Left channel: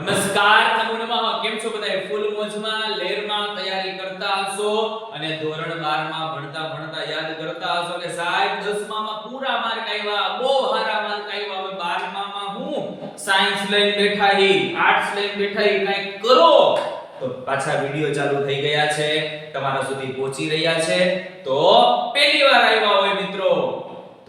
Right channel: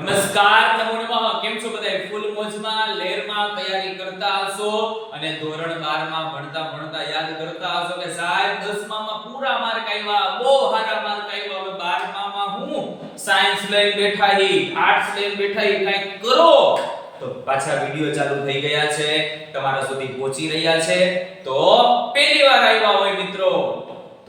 નમસ્કાર, નમો નમઃ. કેમ છો બધા ફૂલ મોજમાં, લેરમાં તૈયારી કરતા હશો અને ધોરણ 12 માં ભણતા ભણતા યાદ કરતા હશો કે સાહેબ 10 માં પૂરા માર્ક આવ્યા બહુ સારા માર્ક આવ્યા હવે 12 માં હું સાયન્સ લઈને બેઠા હી, આર્ટ્સ લઈને બેઠા હી કંઈક કરો? તો પાછા વિડિયો ચાલુ થઈ ગયા છે. તમારા સુધી પહોંચી રહ્યા છે. તો પહેલી વાર આવ્યા હોય મિત્રો.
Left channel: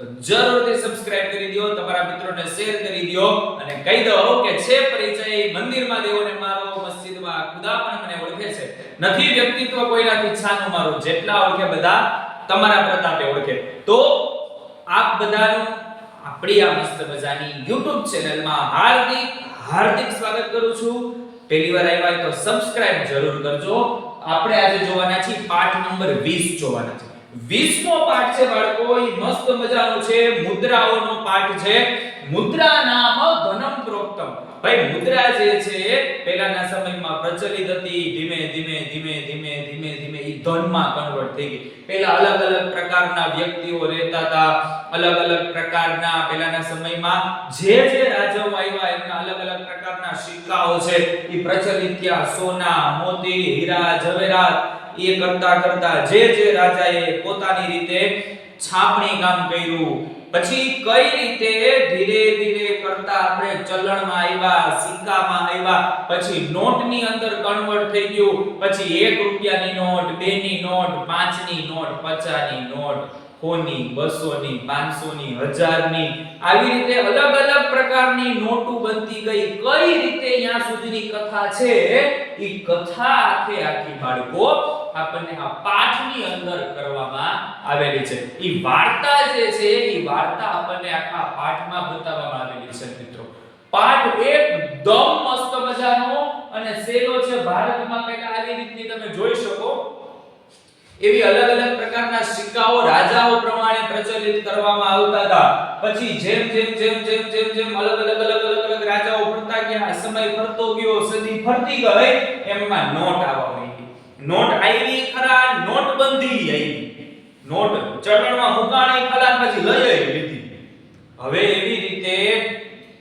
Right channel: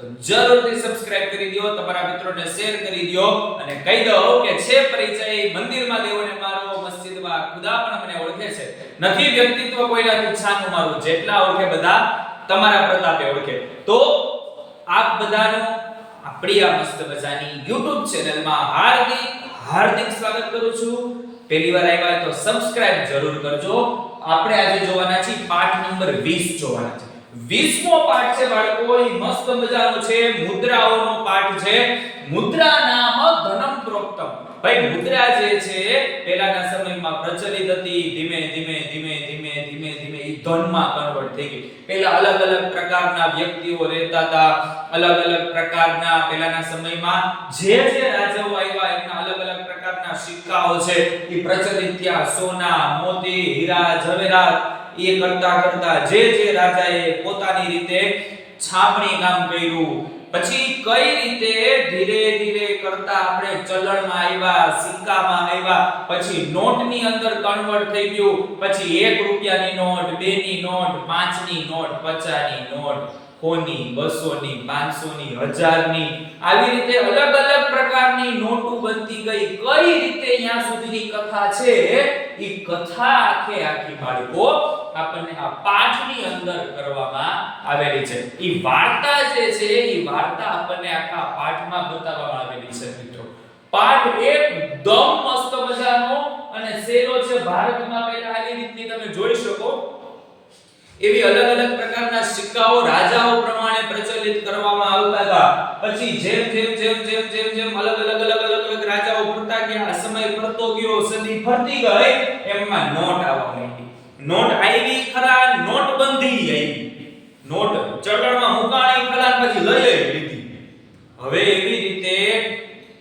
તો જરૂરથી સબસ્ક્રાઇબ કરી દો, તમારા મિત્રોને શેર કરી દો અને કહી દો કે છે પરિચય, મંદિરમાં દેવોને મારો, મસ્જિદમાં ખુદા પણ મને ઓળખે છે. નથી વ્યક્તિત્વ કોઈનાથી છાનું મારું, જેટલા ઓળખે બધા તમારા પ્રતાપે ઓળખે. તો આપ બધાનું આપણી આ મસ્ત મજાની YouTube ચેનલમાં હાર્દિક હાર્દિક સ્વાગત કરું છું. પહેલી વાર આવ્યા તો સબસ્ક્રાઇબ જરૂર કરજો. આપણે આજે જોવાના છીએ પાઠ નંબર 20 જોવાના છે. 20મો પાઠ છે બાળકો એ મસ્ત મજાનો છે, મુદ્રાઓનો પાઠ છે. મુદ્રા નામ ધનમ પ્રોક્તમ. ભાઈ, મુદ્રા જે છે, પહેલાના સમયમાં પ્રચલિત હતી, ધીમે ધીમે ધીમે ધીમે ધીમે ધીમે એ ધનમાં કન્વર્ટ થઈ ગઈ. પહેલા અલગ અલગ પ્રકારના વ્યક્તિઓ રહેતા હતા, અલગ અલગ પ્રકારના પહેલાના સમયમાં જે જે રાજાઓ આવ્યા, એમના અલગ અલગ પ્રકારના સિક્કાઓ છે એ પ્રચલિત થયા. સોના, મોતી, હીરા જવેરાત એ કરતા કરતા જે જે રાજાએ પોતાની રીતે છાપણી કામ કર્યું. પછી કઈ રીતે ધીરે ધીરે કરતા આપણે ચલણમાં આવ્યા, સિક્કામાં આવ્યા, પછી નોટની અંદર કન્વર્ટ થઈ ગયું, પછી 1 રૂપિયાની નોટ 2 ની નોટ 5 ની નોટ 50 ની નોટ કોની બસો ની પાંચસો ની 1000 ની આવી રીતે અલગ અલગ પ્રકારની નોટો બનતી ગઈ. કઈ રીતે અહીંયા સુધીની કથા છે? એ કથા આખે આખી બાળકો આપણને આ પાઠની અંદર કરવામાં આવેલી છે. એ વાર્તા જે છે એ વાર્તા આપણને આખા પાઠમાં બતાવવામાં આવેલી છે, મિત્રો. પાઠ એકદમ મસ્ત મજાનો અને સેલો છે, ભારતમાં પહેલા આવી રીતની તમે જોઈ શકો. એવી અલગ અલગ પ્રકારના સિક્કાઓ રાજાઓ પ્રમાણે પ્રચલિત કરવામાં આવતા હતા. પછી જેમ જેમ જેમ જેમ જેમ જેમ અલગ અલગ અલગ અલગ અલગ રાજાઓ ફરતા ગયા, સમય ફરતો ગયો, સદી ફરતી ગઈ, એમાં નોટ આવવા માંડી. નોટ આવી ખરા નોટબંધી આવી. નોટ ચલણમાં મુકાણી ખરા પછી લઈ લીધી. હવે એવી રીતે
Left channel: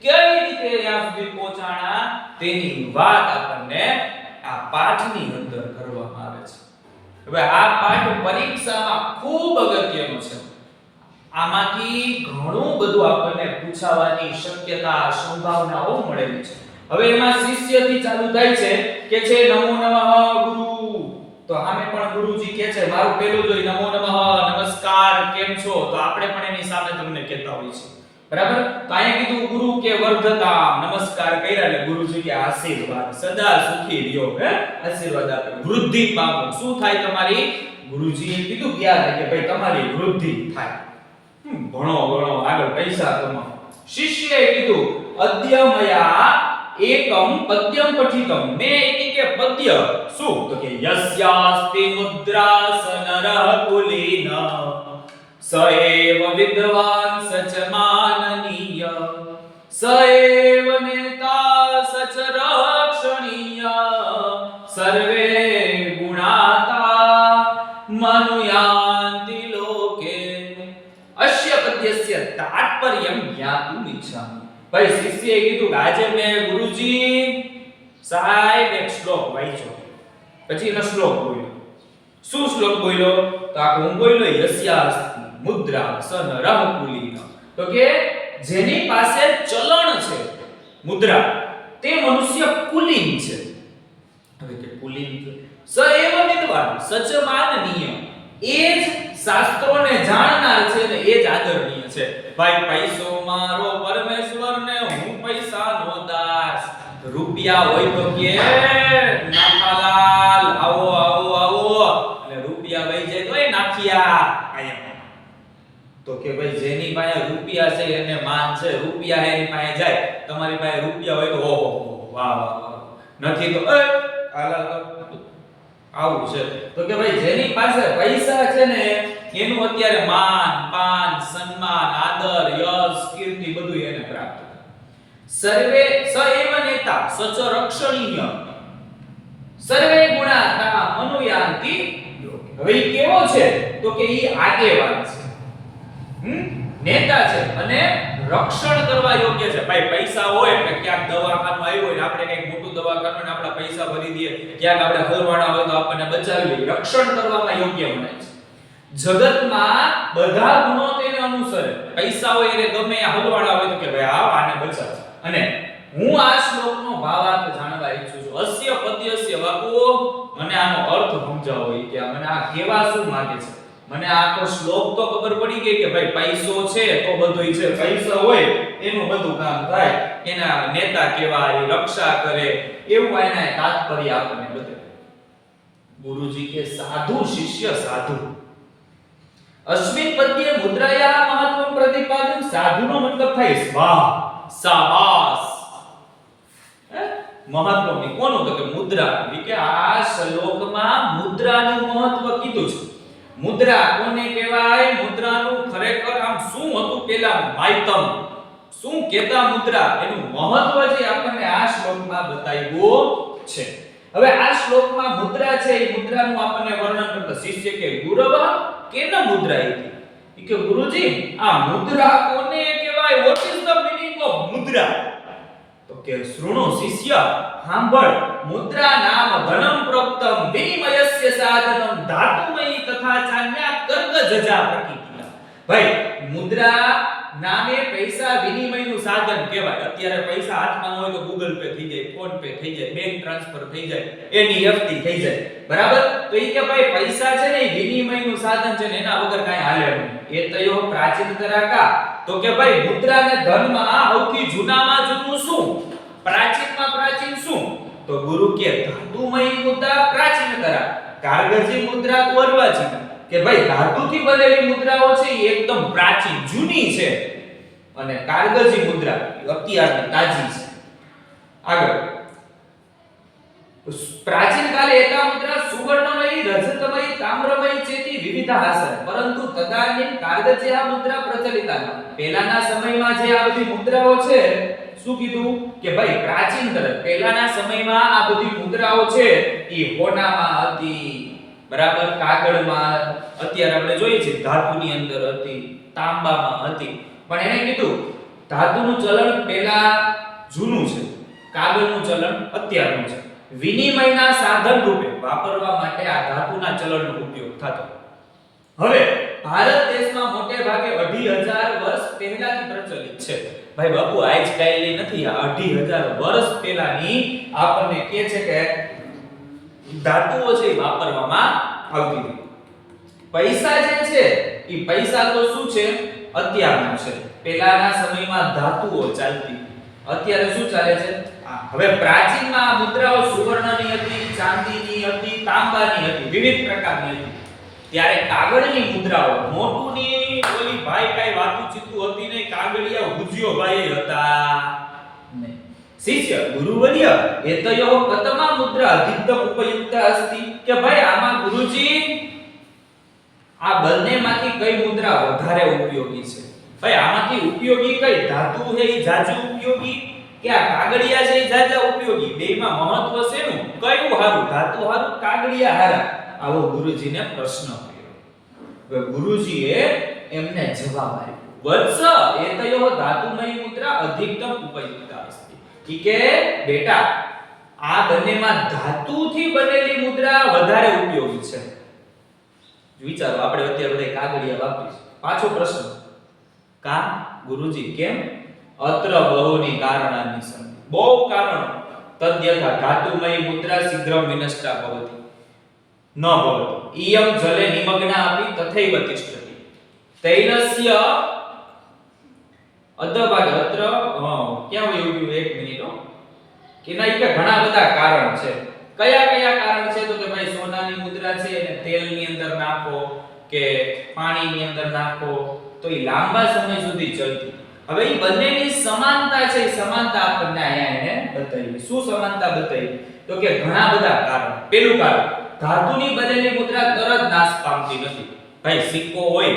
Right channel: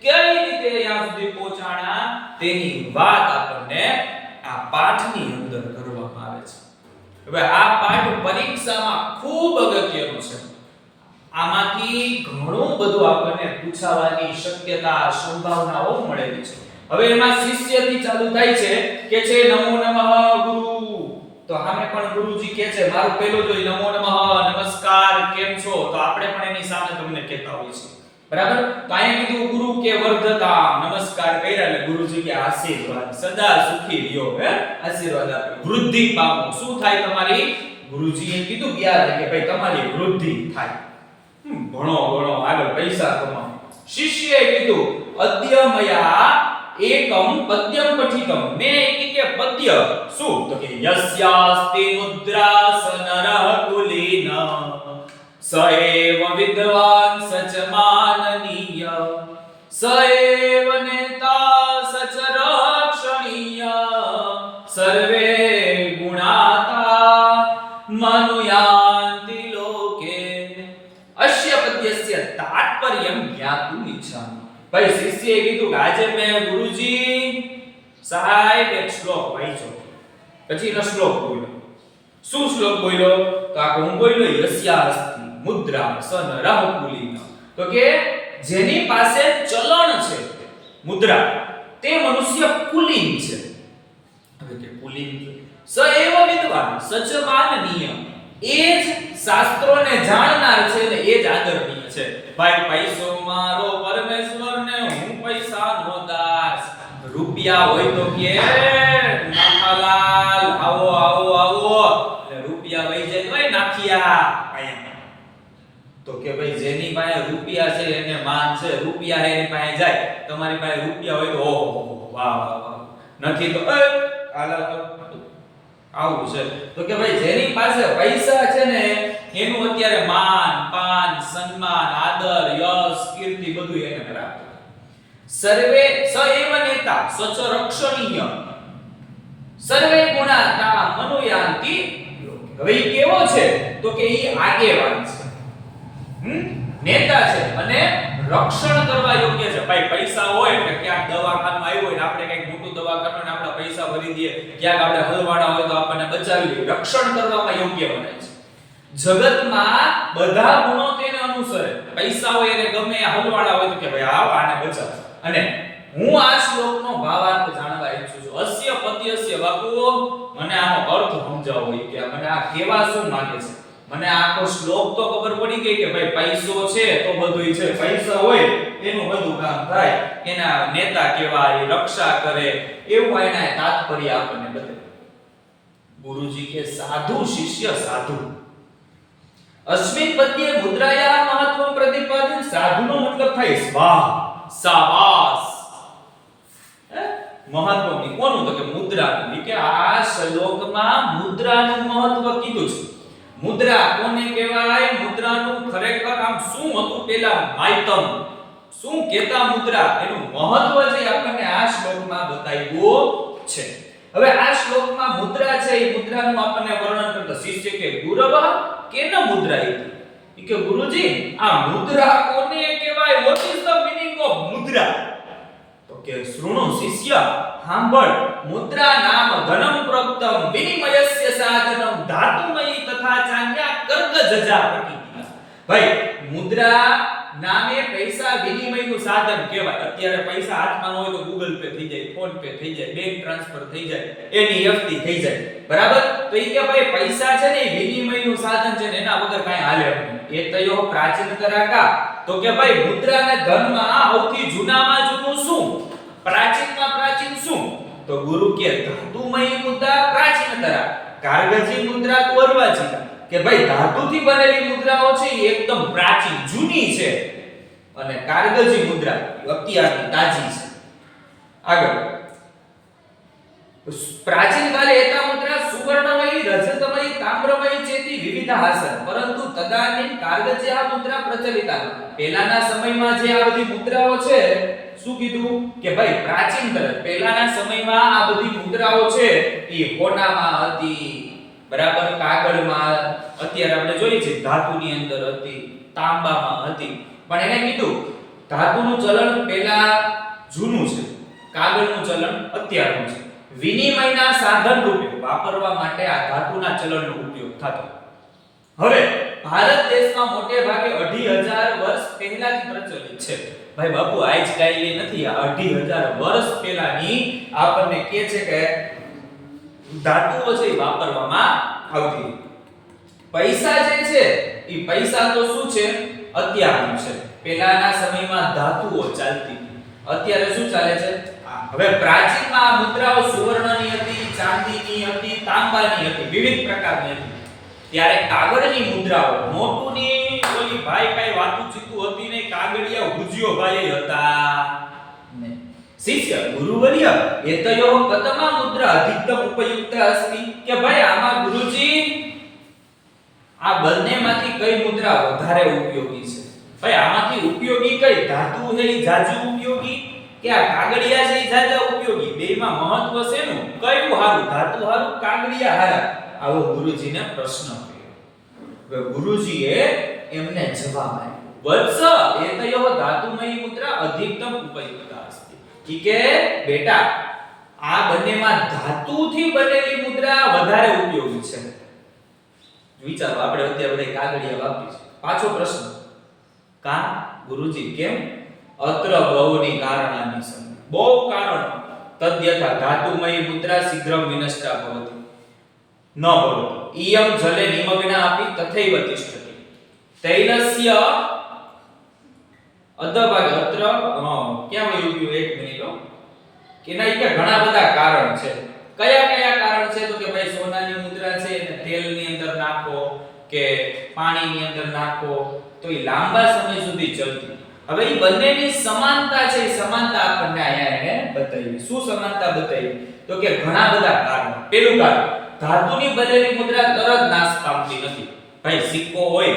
કેવી રીતે ત્યાં સુધી પહોંચાણા? તેની વાત આપણને આ પાઠની અંદર કરવામાં આવે છે. હવે આ પાઠ પરીક્ષામાં ખૂબ અગત્યનો છે. આમાંથી ઘણું બધું આપણને પૂછાવાની શક્યતા, સંભાવનાઓ મળેલી છે. હવે એમાં શિષ્યથી ચાલુ થાય છે કે છે, નમો નમઃ ગુરુ. તો સામે પણ ગુરુજી કહે છે, મારું પેલું જોઈ, નમો નમઃ, નમસ્કાર, કેમ છો? તો આપણે પણ એની સામે તમને કહેતા હોઈએ છીએ. બરાબર? તો અહીંયા કીધું, ગુરુ કે વર્ધતા, નમસ્કાર કર્યા. એટલે ગુરુજી કે, આશીર્વાદ, સદા સુખી રહ્યો. હે? આશીર્વાદ આપે. વૃદ્ધિ પામો. શું થાય તમારી? ગુરુજીએ કીધું ગયા કે, ભાઈ, તમારી વૃદ્ધિ થાય. ભણો ભણો, આગળ પૈસા કમાઓ શિષ્યએ કીધું અદ્ય મયા એકમ પદ્યમ પઠિતમ. મે એક કે પદ્ય. શું? તો કે યસ્યાસ્તિ મુદ્રાસનરઃ કુલીન. સ એવ વિદ્વાન સચ માનનીય. સ એવ નેતા સચ રક્ષણીય. સર્વે ભાઈ શિષ્યએ કીધું કે આજે મેં ગુરુજી સાહેબ એક શ્લોક વાંચ્યો. પછી એનો શ્લોક બોલ્યો. શું શ્લોક બોલ્યો? તો આ હું બોલ્યો, યસ્યાસ્તિ મુદ્રા સન રહકુલીન તો કે જેની પાસે ચલણ છે, મુદ્રા, તે મનુષ્ય કુલીન છે. હવે કે કુલીન સ એવ વિદ્વાન, સચ માનનીય. એ જ શાસ્ત્રોને જાણનાર છે ને એ જ આદરણીય છે. ભાઈ પૈસો મારો પરમેશ્વર ને હું પૈસાનો દાસ. રૂપિયા હોય તો કે નાખાલાલ આવો આવો આવો. એટલે રૂપિયા વહી જાય તો એ નાખિયા. અહીંયા તો કે ભાઈ જેની પાસે રૂપિયા છે એને માન છે રૂપિયા એની પાસે જાય. તમારી પાસે રૂપિયા હોય તો ઓહો વાહ વાહ વાહ. નથી તો એ હાલ, આવું છે. તો કે ભાઈ, જેની પાસે પૈસા છે ને, એનું અત્યારે માન, પાન, સન્માન, આદર, યશ, કીર્તિ બધું એને પ્રાપ્ત થાય. સર્વે સ એવ નેતા સચ રક્ષણીય. સર્વે ગુણાતા મનુયાંતિ હવે ઈ કેવો છે? તો કે ઈ આગેવાન છે. હમ? નેતા છે. અને રક્ષણ કરવા યોગ્ય છે. ભાઈ, પૈસા હોય એટલે ક્યાંક દવાખાનું આવ્યું હોય ને આપણે કંઈક મોટું દવાખાનું ને આપણા પૈસા ભરી દઈએ, ક્યાંક આપણે હલવાણા હોય તો આપણને બચાવી લઈએ. રક્ષણ કરવામાં યોગ્ય બને છે. જગતમાં બધા ગુણો તેને અનુસરે. પૈસા હોય એને ગમે, આ હલવાણા હોય તો કે ભાઈ, આવ, આને બચાવ. અને હું આ શ્લોકનો ભાવાર્થ જાણવા ઈચ્છું છું. અસ્ય પદ્યસ્ય વાકુઓ, મને આનો અર્થ સમજાવો કે મને આ કેવા શું માંગે છે? મને આખો શ્લોક તો ખબર પડી ગઈ કે ભાઈ પૈસો છે તો બધું છે. પૈસા હોય એનું બધું કામ થાય. એના નેતા કેવા એ રક્ષા કરે. એવું એના તાત્પર્ય આપણને બધે. ગુરુજી કે સાધુ, શિષ્ય સાધુ. અસ્મિન પદ્યે મુદ્રાયા મહત્વમ પ્રતિપાદન સાધુનો મતલબ થાય સ્વાહ સાબાસ? મહત્વની કોનું તો કે મુદ્રા કે આ શ્લોકમાં મુદ્રાનું મહત્વ કીધું છે. મુદ્રા કોને કહેવાય? મુદ્રાનું ખરેખર આમ શું હતું પેલા માયતમ શું કેતા મુદ્રા? એનું મહત્વ જે આપણને આ શ્લોકમાં બતાવ્યું છે. હવે આ શ્લોકમાં મુદ્રા છે, એ મુદ્રાનું આપણને વર્ણન કરતા શિષ્ય કે ગુરવ કેન મુદ્રા ઈ કે? ગુરુજી, આ મુદ્રા કોને કહેવાય? What is the meaning of mudra? તો કે શ્રુણો શિષ્ય સાંભળ મુદ્રા નામ ધનમ પ્રોક્તમ વિનિમયસ્ય સાધનમ ધાતુમયી તથા ચાન્યા કર્ગ જજા પ્રકિતિના ભાઈ, મુદ્રા નામે પૈસા વિનિમયનું સાધન કહેવાય. અત્યારે પૈસા હાથમાં હોય તો ગૂગલ પે થઈ જાય ફોન પે થઈ જાય બેંક ટ્રાન્સફર થઈ જાય એનઈએફટી થઈ જાય. બરાબર? તો એ કે ભાઈ, પૈસા છે ને વિનિમયનું સાધન છે ને એના વગર કાંઈ હાલે નહીં. એ તયો પ્રાચીન તરાકા તો કે ભાઈ મુદ્રા ને ધનમાં સૌથી જૂનામાં જૂનું શું? પ્રાચીનમાં પ્રાચીન શું? તો ગુરુ કે ધાતુમય મુદ્રા પ્રાચીન કરા. કારગજી મુદ્રા તો અર્વાચીન કે ભાઈ ધાતુથી બનેલી મુદ્રાઓ છે એ એકદમ પ્રાચીન, જૂની છે. અને કારગજી મુદ્રા અત્યારની તાજી છે. આગળ. પ્રાચીન કાલે એતા મુદ્રા સુવર્ણમય, રજતમય, તામ્રમય ચેતી વિવિધ હાસન પરંતુ તદાનીન કારગજ્યા મુદ્રા પ્રચલિતા પહેલાના સમયમાં જે આ બધી મુદ્રાઓ છે શું કીધું? કે ભાઈ, પ્રાચીન તરફ પહેલાના સમયમાં આ બધી મુદ્રાઓ છે, એ હોનામાં હતી, બરાબર? કાગળમાં, અત્યારે આપણે જોઈએ છે ધાતુની અંદર હતી, તાંબામાં હતી. પણ એને કીધું, ધાતુનું ચલણ પહેલા જૂનું છે, કાગળનું ચલણ અત્યારનું છે. વિનિમયના સાધન રૂપે વાપરવા માટે આ ધાતુના ચલણનો ઉપયોગ થતો. હવે, ભારત દેશમાં મોટે ભાગે અઢી હજાર વર્ષ પહેલાથી પ્રચલિત છે. ભાઈ બાપુ, આજ કાલની નથી, આ અઢી હજાર વર્ષ પહેલાની આપણને કહે છે કે ધાતુઓ છે વાપરવામાં આવતી પૈસા જે છે, એ પૈસા તો શું છે? અત્યારનું છે. પહેલાના સમયમાં ધાતુઓ ચાલતી અત્યારે શું ચાલે છે? હવે પ્રાચીનમાં મુદ્રાઓ સુવર્ણની હતી, ચાંદીની હતી, તાંબાની હતી, વિવિધ પ્રકારની હતી. ત્યારે કાગળની મુદ્રાઓ, મોટુની ઓલી ભાઈ કાઈ વાતું ચીતું હતી નહીં, કાગળિયા ગુજિયો ભાઈ હતા. શિષ્ય ગુરુવર્ય એતયો કતમા મુદ્રા અધિકતમ ઉપયુક્ત અસ્તિ કે ભાઈ આમાં ગુરુજી, આ બંનેમાંથી કઈ મુદ્રા વધારે ઉપયોગી છે? ભાઈ આમાંથી ઉપયોગી કઈ ધાતુ છે ઈ જાજુ ઉપયોગી કે આ કાગળિયા છે ઈ જાજા ઉપયોગી? બેયમાં મહત્વ છે નું કયું હારું? ધાતુ હારું? કાગળિયા હારા? આવો ગુરુજીને પ્રશ્ન ગુરુજીએ એમને જવાબ આપ્યો. વત્સ એતયો ધાતુમય મુદ્રા અધિકતમ ઉપયુક્તા અસ્તિ. ઈ કે બેટા, આ બંનેમાં ધાતુથી બનેલી મુદ્રા વધારે ઉપયોગી છે. વિચારો, આપણે અત્યારે બધા કાગળિયા વાપરી છે. પાછો પ્રશ્ન. કા ગુરુજી, કેમ? અત્ર બહુની કારણાની સંધિ. બહુ કારણ. તદ્યથા ધાતુમય મુદ્રા શીઘ્રમ વિનષ્ટા ભવતિ. ન ભવતિ. ઇયમ જલે નિમગ્ના આપી તથૈવ તિષ્ઠતિ. તૈલસ્ય અધભાગે અત્ર ક્યાં વયું ગયું એક મિનિટ કે ના કે ઘણા બધા કારણ છે. કયા કયા કારણ છે? તો કે ભાઈ સોનાની મુદ્રા છે એને તેલની અંદર નાખો, કે પાણીની અંદર નાખો, તો એ લાંબા સમય સુધી ચલતી. હવે એ બંનેની સમાનતા છે એ સમાનતા આપણને અહીંયા એને બતાવી. શું સમાનતા બતાવી? તો કે ઘણા બધા કારણ. પેલું કારણ. ધાતુની બનેલી મુદ્રા તરત નાશ પામતી નથી. ભાઈ, સિક્કો હોય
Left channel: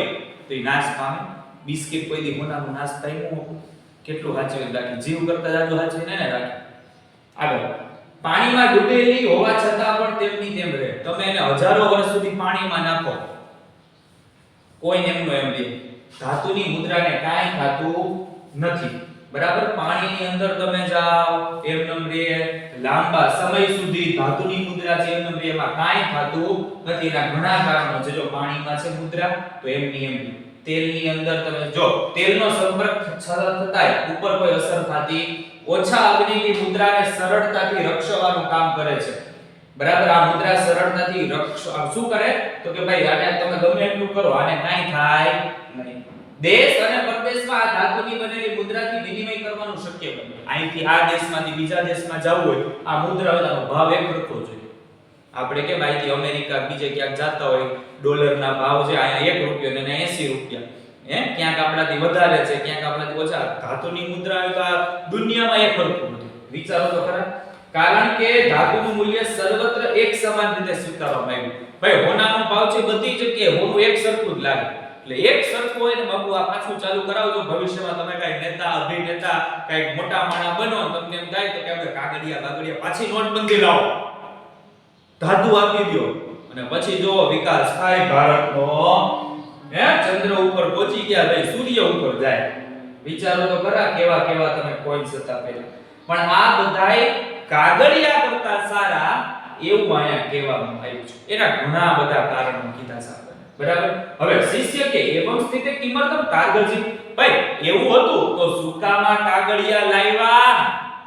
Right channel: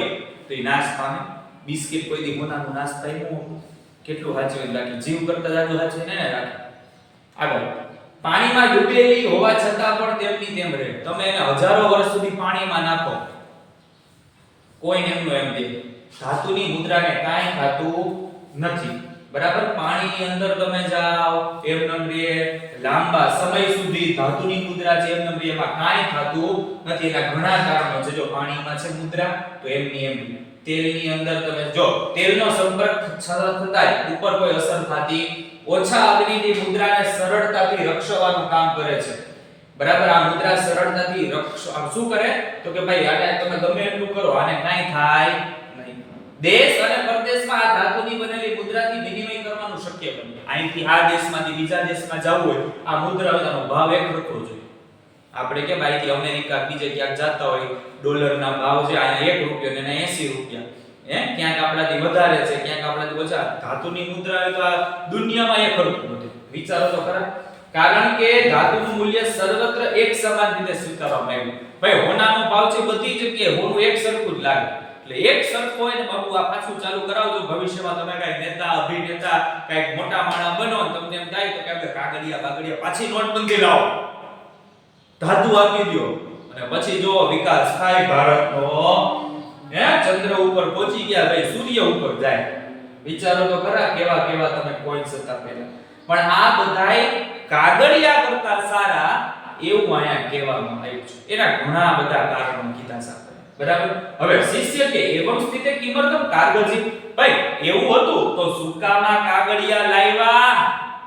તો એ નાશ પામે. બિસ્કિટ કોઈ દી મોનાનો નાશ પામ્યું કેટલું સાચવીને રાખી? જીવ કરતા જાજુ સાચવીને ને રાખી. આગળ. પાણીમાં ડૂબેલી હોવા છતાં પણ તેમની તેમ રહે. તમે એને હજારો વર્ષ સુધી પાણીમાં નાખો. કોઈ એમનું એમ દે. ધાતુની મુદ્રાને કાંઈ ખાતું નથી. બરાબર? પાણીની અંદર તમે જાઓ એમ નંબરે લાંબા સમય સુધી ધાતુની મુદ્રા છે એમ નંબરે એમાં કાંઈ થતું નથી. એના ઘણા કારણો છે. જો પાણીમાં છે મુદ્રા, તો એમની એમ તેલની અંદર તમે જો, તેલનો સંપર્ક થતાય ઉપર કોઈ અસર થતી ઓછા અગ્નિની મુદ્રાને સરળતાથી રક્ષવાનું કામ કરે છે. બરાબર? આ મુદ્રા સરળતાથી રક્ષ શું કરે? તો કે ભાઈ આને તમે ગમે એટલું કરો, આને કાંઈ થાય નહીં. દેશ અને પરદેશમાં આ ધાતુની બનેલી મુદ્રાથી વિનિમય કરવાનું શક્ય બને. અહીંથી આ દેશમાંથી બીજા દેશમાં જવું હોય, આ મુદ્રા બધાનો ભાવ એક રખવો જોઈએ. આપણે કે ભાઈ અમેરિકા બીજે ક્યાંક જતા હોય, ડોલરના ભાવ છે અહીંયા એક રૂપિયો ને અહીંયા એસી રૂપિયા. હે? ક્યાંક આપણાથી વધારે છે, ક્યાંક આપણાથી ઓછા. ધાતુની મુદ્રા હોય તો આ દુનિયામાં એક સરખું બધું વિચારો તો ખરા. કારણ કે ધાતુનું મૂલ્ય સર્વત્ર એક સમાન રીતે સ્વીકારવામાં આવ્યું. ભાઈ, હોનાનો ભાવ છે બધી જગ્યાએ, હોનું એક સરખું જ લાગે. એટલે એક સરખો હોય ને બાપુ આ પાછું ચાલુ કરાવજો. ભવિષ્યમાં તમે કઈ નેતા, અભિનેતા કઈ મોટા માણા બનો તમને એમ થાય તો કે આપણે કાગડિયા બાગડિયા પાછી નોટબંધી લાવો. ધાતુ આપી દો અને પછી જો વિકાસ થાય ભારતનો, હે? ચંદ્ર ઉપર પહોંચી ગયા ભાઈ, સૂર્ય ઉપર જાય. વિચારો તો ખરા, કેવા કેવા તમે કોઈન્સ હતા પહેલા. પણ આ બધાય કાગળિયા કરતા સારા એવું અહીંયા કહેવામાં આવ્યું છે. એના ઘણા બધા કારણો કીધા આપણે બરાબર? હવે શિષ્ય કે એવમ સ્થિતે કિમર્તમ કાગળજી ભાઈ, એવું હતું તો સુકામાં કાગળિયા લાવ્યા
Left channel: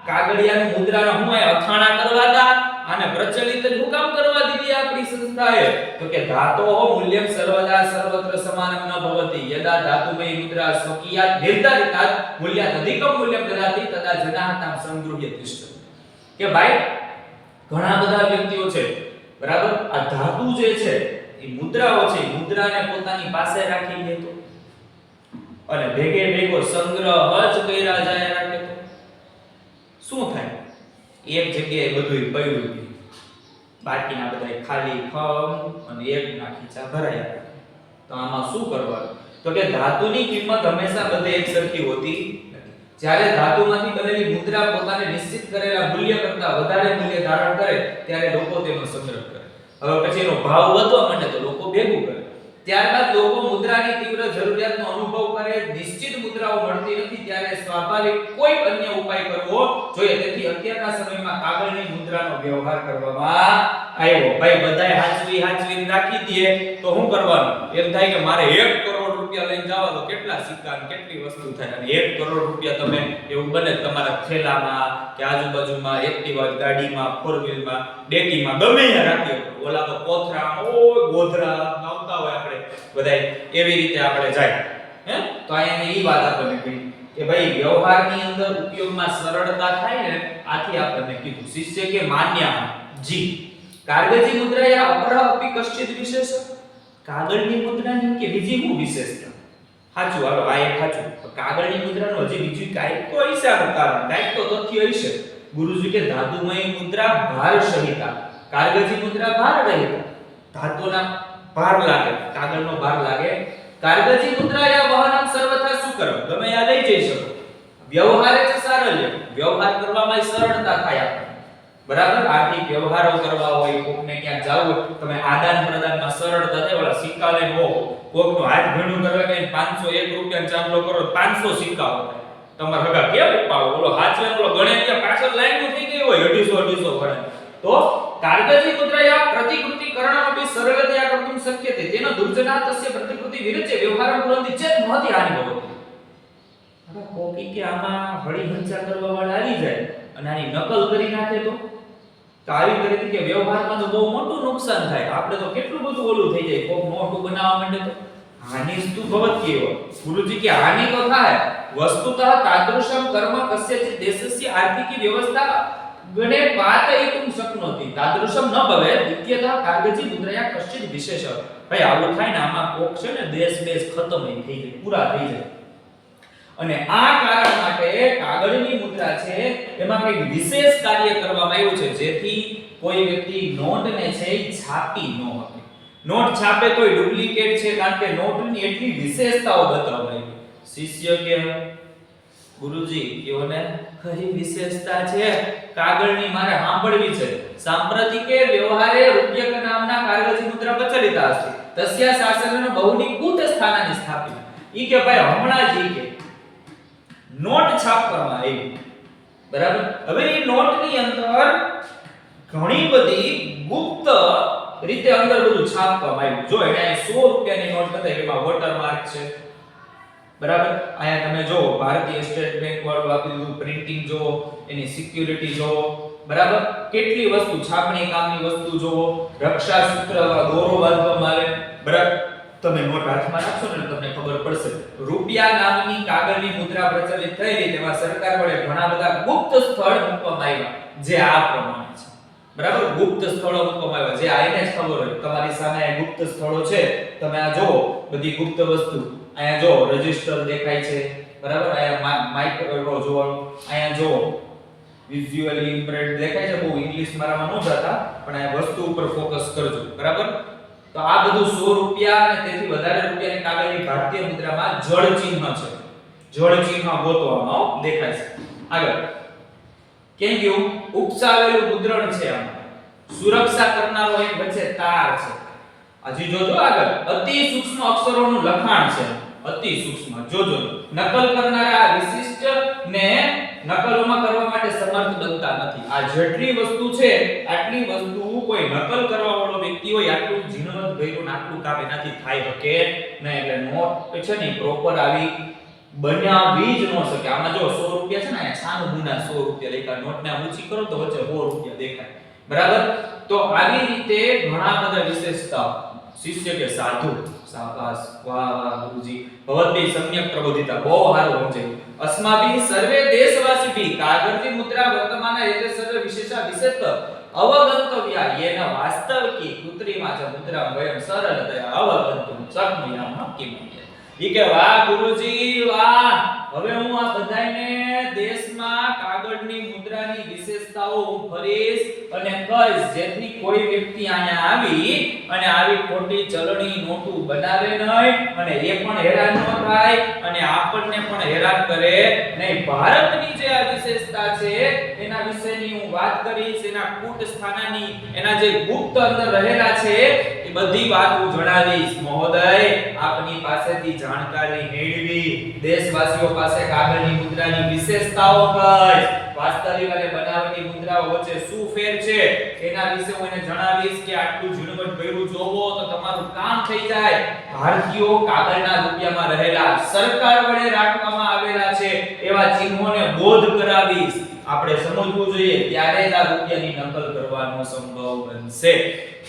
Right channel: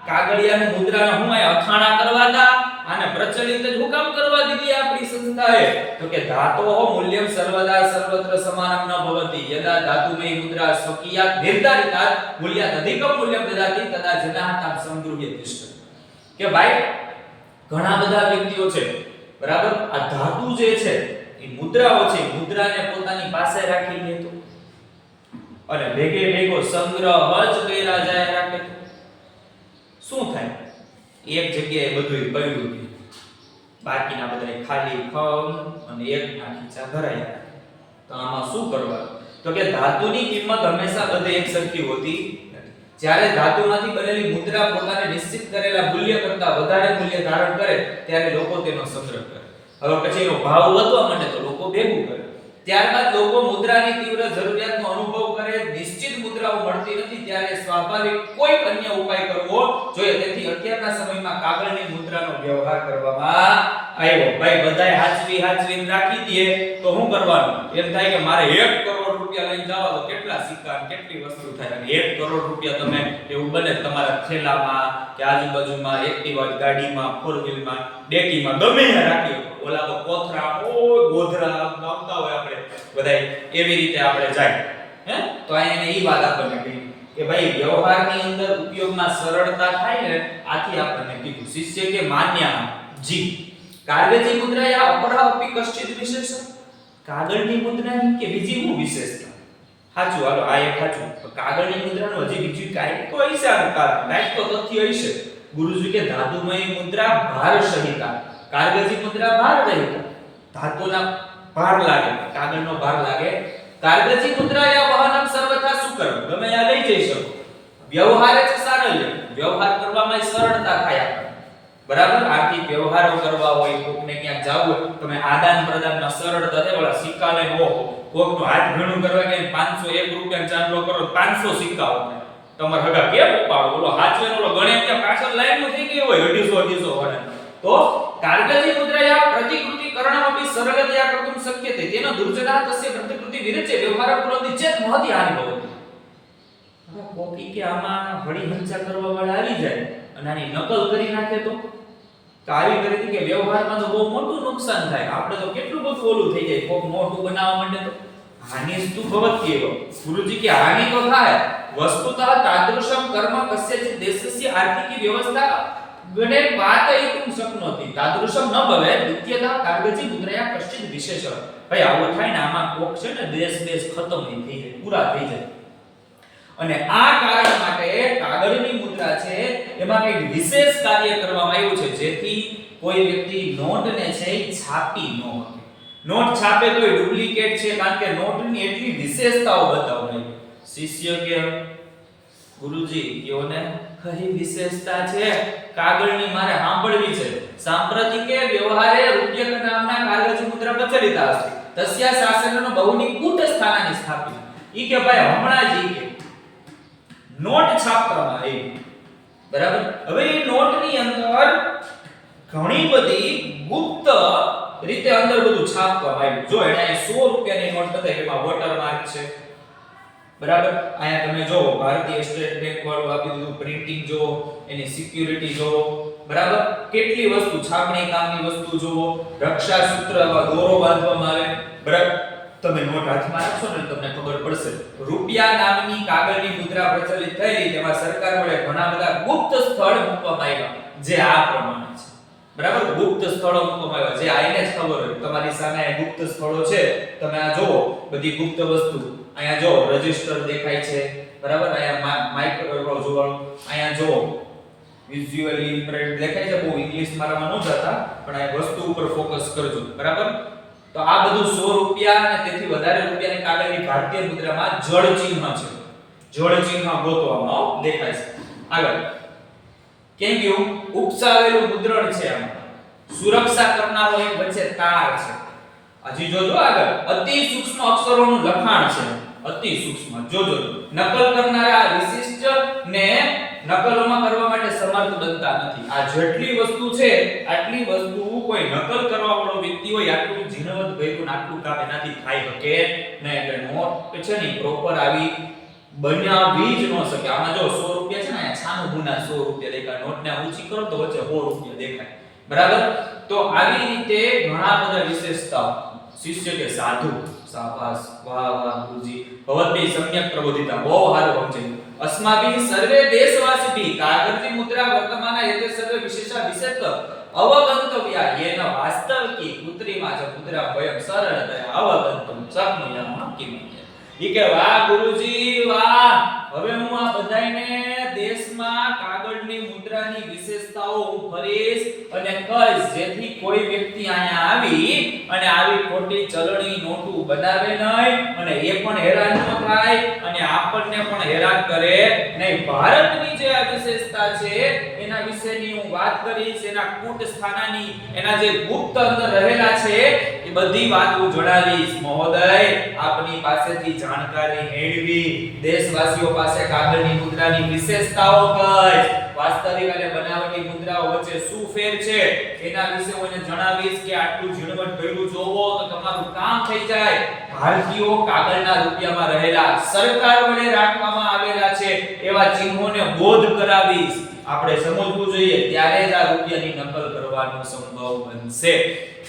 કાગળિયાની મુદ્રાનો હું આ અથાણા કરવા દા આને પ્રચલિત જ હુકામ કરવા દીધી આપણી સંસ્થાએ. તો કે ધાતોઃ મૂલ્યમ સર્વદા સર્વત્ર સમાનમ ન ભવતી. યદા ધાતુમય મુદ્રા સ્વકીયાત નિર્ધારિતાત, મૂલ્યાત અધિકમ મૂલ્યમ દદાતિ, તદા જનાહ તામ સંગૃહ્ય તિષ્ઠતિ કે ભાઈ, ઘણા બધા વ્યક્તિઓ છે, બરાબર? આ ધાતુ જે છે એ મુદ્રાઓ છે મુદ્રાને પોતાની પાસે રાખી લે તો. અને ભેગે ભેગો સંગ્રહ જ કર્યા જાય રાખે તો. શું થાય? એક જગ્યાએ બધું પડ્યું છે. બાકીના બધા ખાલી ખમ અને એકના ખીચા ભરાયા. તો આમાં શું કરવાનું? તો કે ધાતુની કિંમત હંમેશા બધે એક સરખી હોતી જ્યારે ધાતુમાંથી બનેલી મુદ્રા પોતાને નિશ્ચિત કરેલા મૂલ્ય કરતા વધારે મૂલ્ય ધારણ કરે, ત્યારે લોકો તેનો સંગ્રહ કરે. હવે પછી એનો ભાવ વધવા માંડે તો લોકો ભેગું કરે. ત્યારબાદ લોકો મુદ્રાની સ્વાભાવિક કોઈ અન્ય ઉપાય કરવો જોઈએ. તેથી અત્યારના સમયમાં કાગળની મુદ્રાનો વ્યવહાર કરવામાં આવ્યો. ભાઈ બધાય હાચવી હાચવીને રાખી દે તો શું કરવાનું? એમ થાય કે મારે 1 કરોડ રૂપિયા લઈને જાવ તો કેટલા સિક્કા કેટલી વસ્તુ થાય? અને 1 કરોડ રૂપિયા તમે, એવું બને તમારા થેલામાં કે આજુબાજુમાં એક્ટિવા ગાડીમાં ફોર વ્હીલમાં ડેકીમાં, ગમે ત્યાં રાખી ઓલા તો કોથરા ઓ ગોધરા આવતા હોય આપણે બધાય. એવી રીતે આપણે જાય. હે? તો અહીંયા ઈ વાત આપણને કહી કે ભાઈ, વ્યવહારની અંદર ઉપયોગમાં સરળતા થાય ને, આથી આપણને કીધું. શિષ્ય કે માન્ય જી. કાગળની મુદ્રા યા અપરા અપી કશ્ચિત વિશેષ કાગળની મુદ્રાની કે બીજી કોઈ વિશેષતા સાચું હાલો, આ એક સાચું કાગળની મુદ્રાનો હજી બીજી કાંઈક તો આનું કારણ. કાંઈક તો તથ્ય હશે ગુરુજી કે ધાતુમય મુદ્રા ભાર સહિતા. કાગળની મુદ્રા ભાર રહિતા ધાતુના ભાર લાગે. કાગળનો ભાર લાગે. કાગળની મુદ્રા યા વહનમ સર્વથા સુકરમ. તમે આ લઈ જઈ શકો. વ્યવહારે છે સારલ્ય. વ્યવહાર કરવામાં સરળતા થાય બરાબર? આર્થિક વ્યવહારો કરવા હોય, કોકને ક્યાંક જાવું તમે આદાન પ્રદાનમાં સરળતા થાય. ઓલા સિક્કા લે હો કોકનો હાથ ભીણું કરવા કે 500 એક રૂપિયા ચાંદલો કરો તો 500 સિક્કા હોય. તમારે હગા કેમ પાડો ઓલો હાચવે ઓલો ગણે ત્યાં પાછળ લાઈન થઈ ગઈ હોય 250 250 વાળા તો કાગજી મુદ્રાયા પ્રતિકૃતિ કરણમપી સરળતયા કર્તુમ શક્યતે. તેનો દુર્જના તસ્ય પ્રતિકૃતિ વિરચે વ્યવહારમ કુરંતિ ચેત મહતિ હાનિ ભવતિ. હવે કોપી કે આમાં હળી હંચા કરવા વાળા આવી જાય અને આની નકલ કરી નાખે તો? તો આવી કરી કે વ્યવહારમાં તો બહુ મોટું નુકસાન થાય. આપણે તો કેટલું બધું ઓલું થઈ જાય. કોક નોટું બનાવવા માંડે તો? હાનિસ્તુ ભવતિ એવ. ગુરુજી કે હાનિ તો થાય. વસ્તુતઃ તાદૃશમ કર્મ કસ્યચિત દેશસ્ય આર્થિકી વ્યવસ્થા ગણે પાતયિતુમ શક્નોતિ તાદૃશમ ન ભવે નિત્યતા કાગજી મુદ્રયા કશ્ચિત વિશેષ. ભાઈ આવું થાય ને આમાં કોક છે ને દેશ દેશ ખતમ થઈ જાય, પૂરા થઈ જાય. અને આ કારણ માટે કાગળની મુદ્રા છે, એમાં કંઈક વિશેષ કાર્ય કરવામાં આવ્યું છે, જેથી કોઈ વ્યક્તિ નોટને છે છાપી ન શકે. નોટ છાપે તો ડુપ્લિકેટ છે, કારણ કે નોટની એટલી વિશેષતાઓ બતાવવામાં શિષ્ય કે ગુરુજી, એઓને કઈ વિશેષતા છે. કાગળની મારે સાંભળવી છે. સાંપ્રતિકે વ્યવહારે રૂપ્યક નામના કાગળની મુદ્રા પ્રચલિતા અસ્તિ તસ્યા શાસનનો બહુની કૂટ સ્થાનાની સ્થાપિત ઈ કે ભાઈ હમણાં જ ઈ કે. નોટ છાપવામાં આવી. બરાબર? હવે એ નોટની અંદર ઘણી બધી ગુપ્ત રીતે અંદર બધું છાપવામાં આવ્યું. જો એને અહીં 100 રૂપિયાની નોટ બતાવી, એમાં વોટરમાર્ક છે. બરાબર? અહીંયા તમે જો ભારતીય સ્ટેટ બેંક વાળું આપી દીધું પ્રિન્ટિંગ જો એની સિક્યુરિટી જો બરાબર? કેટલી વસ્તુ, છાપણી કામની વસ્તુ જો રક્ષા સૂત્ર અથવા દોરો બાંધવામાં આવે, બરાબર? તમે નોટ હાથમાં રાખશો ને તમને ખબર પડશે. રૂપિયા નામની કાગળની મુદ્રા પ્રચલિત થયેલી તેમાં સરકાર વડે ઘણા બધા ગુપ્ત સ્થળ મૂકવામાં આવ્યા, જે આ પ્રમાણે છે. બરાબર? ગુપ્ત સ્થળો મૂકવામાં આવ્યા, જે આઈને જ ખબર હોય. તમારી સામે ગુપ્ત સ્થળો છે. તમે આ જુઓ, બધી ગુપ્ત વસ્તુ. અહીંયા જો રજિસ્ટર દેખાય છે, બરાબર? અહીંયા માઇક્રો જોવાનું. અહીંયા જો વિઝ્યુઅલી ઇમ્પ્રેડ દેખાય છે, બહુ ઇંગ્લિશ મારામાં ન જતા, પણ આ વસ્તુ ઉપર ફોકસ કરજો, બરાબર? તો આ બધું 100 રૂપિયા અને તેથી વધારે રૂપિયાની કાગળની ભારતીય મુદ્રામાં જળ ચિહ્ન છે. જળ ચિહ્ન ગોતવામાં દેખાય છે. આગળ. કેમ કેવું ઉપસાવેલું મુદ્રણ છે આમાં. સુરક્ષા કરનારો એક વચ્ચે તાર છે. હજી જોજો આગળ. અતિ સૂક્ષ્મ અક્ષરોનું લખાણ છે. અતિ સૂક્ષ્મ જોજો નકલ કરનારા વિશિષ્ટ ને નકલોમાં કરવા માટે સમર્થ બનતા નથી. આ જેટલી વસ્તુ છે, આટલી વસ્તુ કોઈ નકલ કરવા વાળો વ્યક્તિ હોય, આટલું ઝીણવટ ભર્યું ને આટલું કામ એનાથી થાય શકે નહીં એટલે નોટ છે ને પ્રોપર આવી બનાવી જ ન શકે. આમાં જો 100 રૂપિયા છે ને છાનું ગુના 100 રૂપિયા દેખાય. નોટને ને ઊંચી કરો તો વચ્ચે 100 રૂપિયા દેખાય. બરાબર? તો આવી રીતે ઘણા બધા વિશેષતા. શિષ્ય કે સાધુ. શાબાશ વાહ વાહ ગુરુજી ભવદ્ભી સમ્યક પ્રબોધિતા બહુ સારું સમજાયું અસ્માભી સર્વે દેશવાસીભી કાગળની મુદ્રા વર્તમાન એતે સર્વે વિશેષા વિશેષ અવગંતવ્યા યેન વાસ્તવિકી કૃત્રિમા ચ મુદ્રા વયમ સરળતયા અવગંતુમ શક્નુયામ કિમયે કે, વાહ, ગુરુજી, વાહ. હવે હું આ બધાયને દેશમાં કાગળની મુદ્રાની વિશેષતાઓ હું અને કહીશ, જેથી કોઈ વ્યક્તિ અહીંયા આવી અને આવી ખોટી ચલણી નોટો બનાવે નહીં અને એ પણ હેરાન ન થાય અને આપણને પણ હેરાન કરે. નહીં, ભારતની જે આ વિશેષતા છે, એના વિશેની હું વાત કરીશ, એના કૂટ સ્થાનાની એના જે ગુપ્ત અંદર રહેલા છે બધી વાત જણાવીશ. મહોદય, આપની પાસેથી જાણકારી મેળવી. દેશવાસીઓ પાસે કાગળની મુદ્રાની વિશેષતાઓ કઈ? વાસ્તવિક અને બનાવટી મુદ્રાઓ વચ્ચે શું ફેર છે? એના વિશે હું એને જણાવીશ કે આટલું ઝીણવટ ભર્યું જોવો તો તમારું કામ થઈ જાય. ભારતીયો કાગળના રૂપિયામાં રહેલા સરકાર વડે રાખવામાં આવેલા છે એવા ચિહ્નોને બોધ કરાવીશ. આપણે સમજવું જોઈએ ત્યારે જ આ રૂપિયાની નકલ કરવાનો સંભવ બનશે.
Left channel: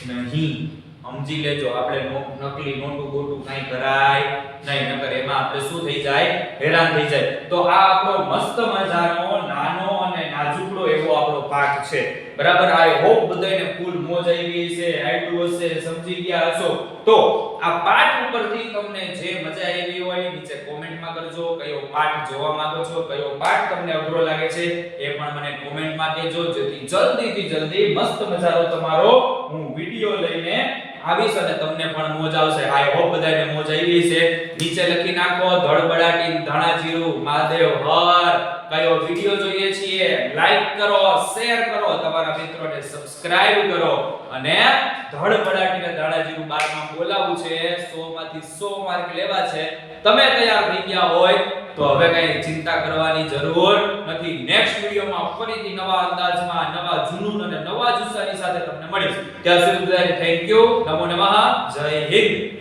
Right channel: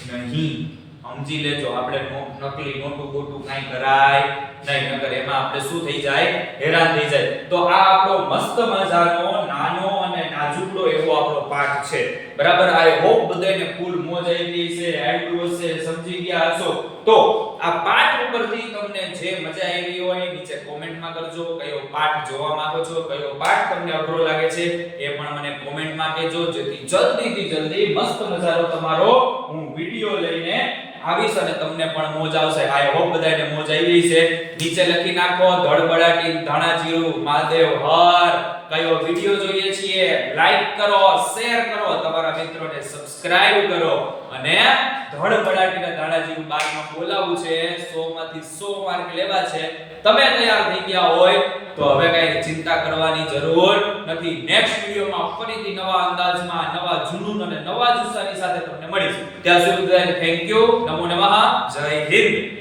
નહીં. સમજી લેજો, આપણે નકલી મોટું બોટું કાંઈ કરાય નહીં, નકર એમાં આપણે શું થઈ જાય? હેરાન થઈ જાય. તો આ આપણો મસ્ત મજાનો, નાનો અને નાજુકડો એવો આપણો પાઠ છે. બરાબર? આઈ હોપ બધાને ફૂલ મોજ આવી છે આવડ્યું હશે, સમજી ગયા હશો. તો આ પાઠ ઉપરથી તમને જે મજા આવી હોય, નીચે કોમેન્ટમાં કરજો, કયો પાઠ જોવા માંગો છો, કયો પાઠ તમને અઘરો લાગે છે, એ પણ મને કોમેન્ટમાં કહેજો. જેથી જલ્દીથી જલ્દી મસ્ત મજાનો તમારો હું વિડિયો લઈને આવીશ અને તમને પણ મોજ આવશે. આઈ હોપ બધાને મોજ આવી છે. નીચે લખી નાખો, ધડબડાટી ધાણા જીરું મહાદેવ, હર કયો વિડિયો જોઈએ છીએ લાઈક કરો શેર કરો, તમારા મિત્રોને સબસ્ક્રાઇબ કરો અને ધડબડાટીના જીરું બારમાં બોલાવું છે 100 માંથી 100 માર્ક લેવા છે. તમે તૈયાર થઈ ગયા હોય તો હવે કઈ ચિંતા કરવાની જરૂર નથી. નેક્સ્ટ વિડિયોમાં ફરીથી નવા અંદાજમાં, નવા જુનૂન અને નવા જુસ્સાની સાથે તમને મળીશું. ત્યાં સુધી થેન્ક યુ નમો નમઃ. જય હિન્દ.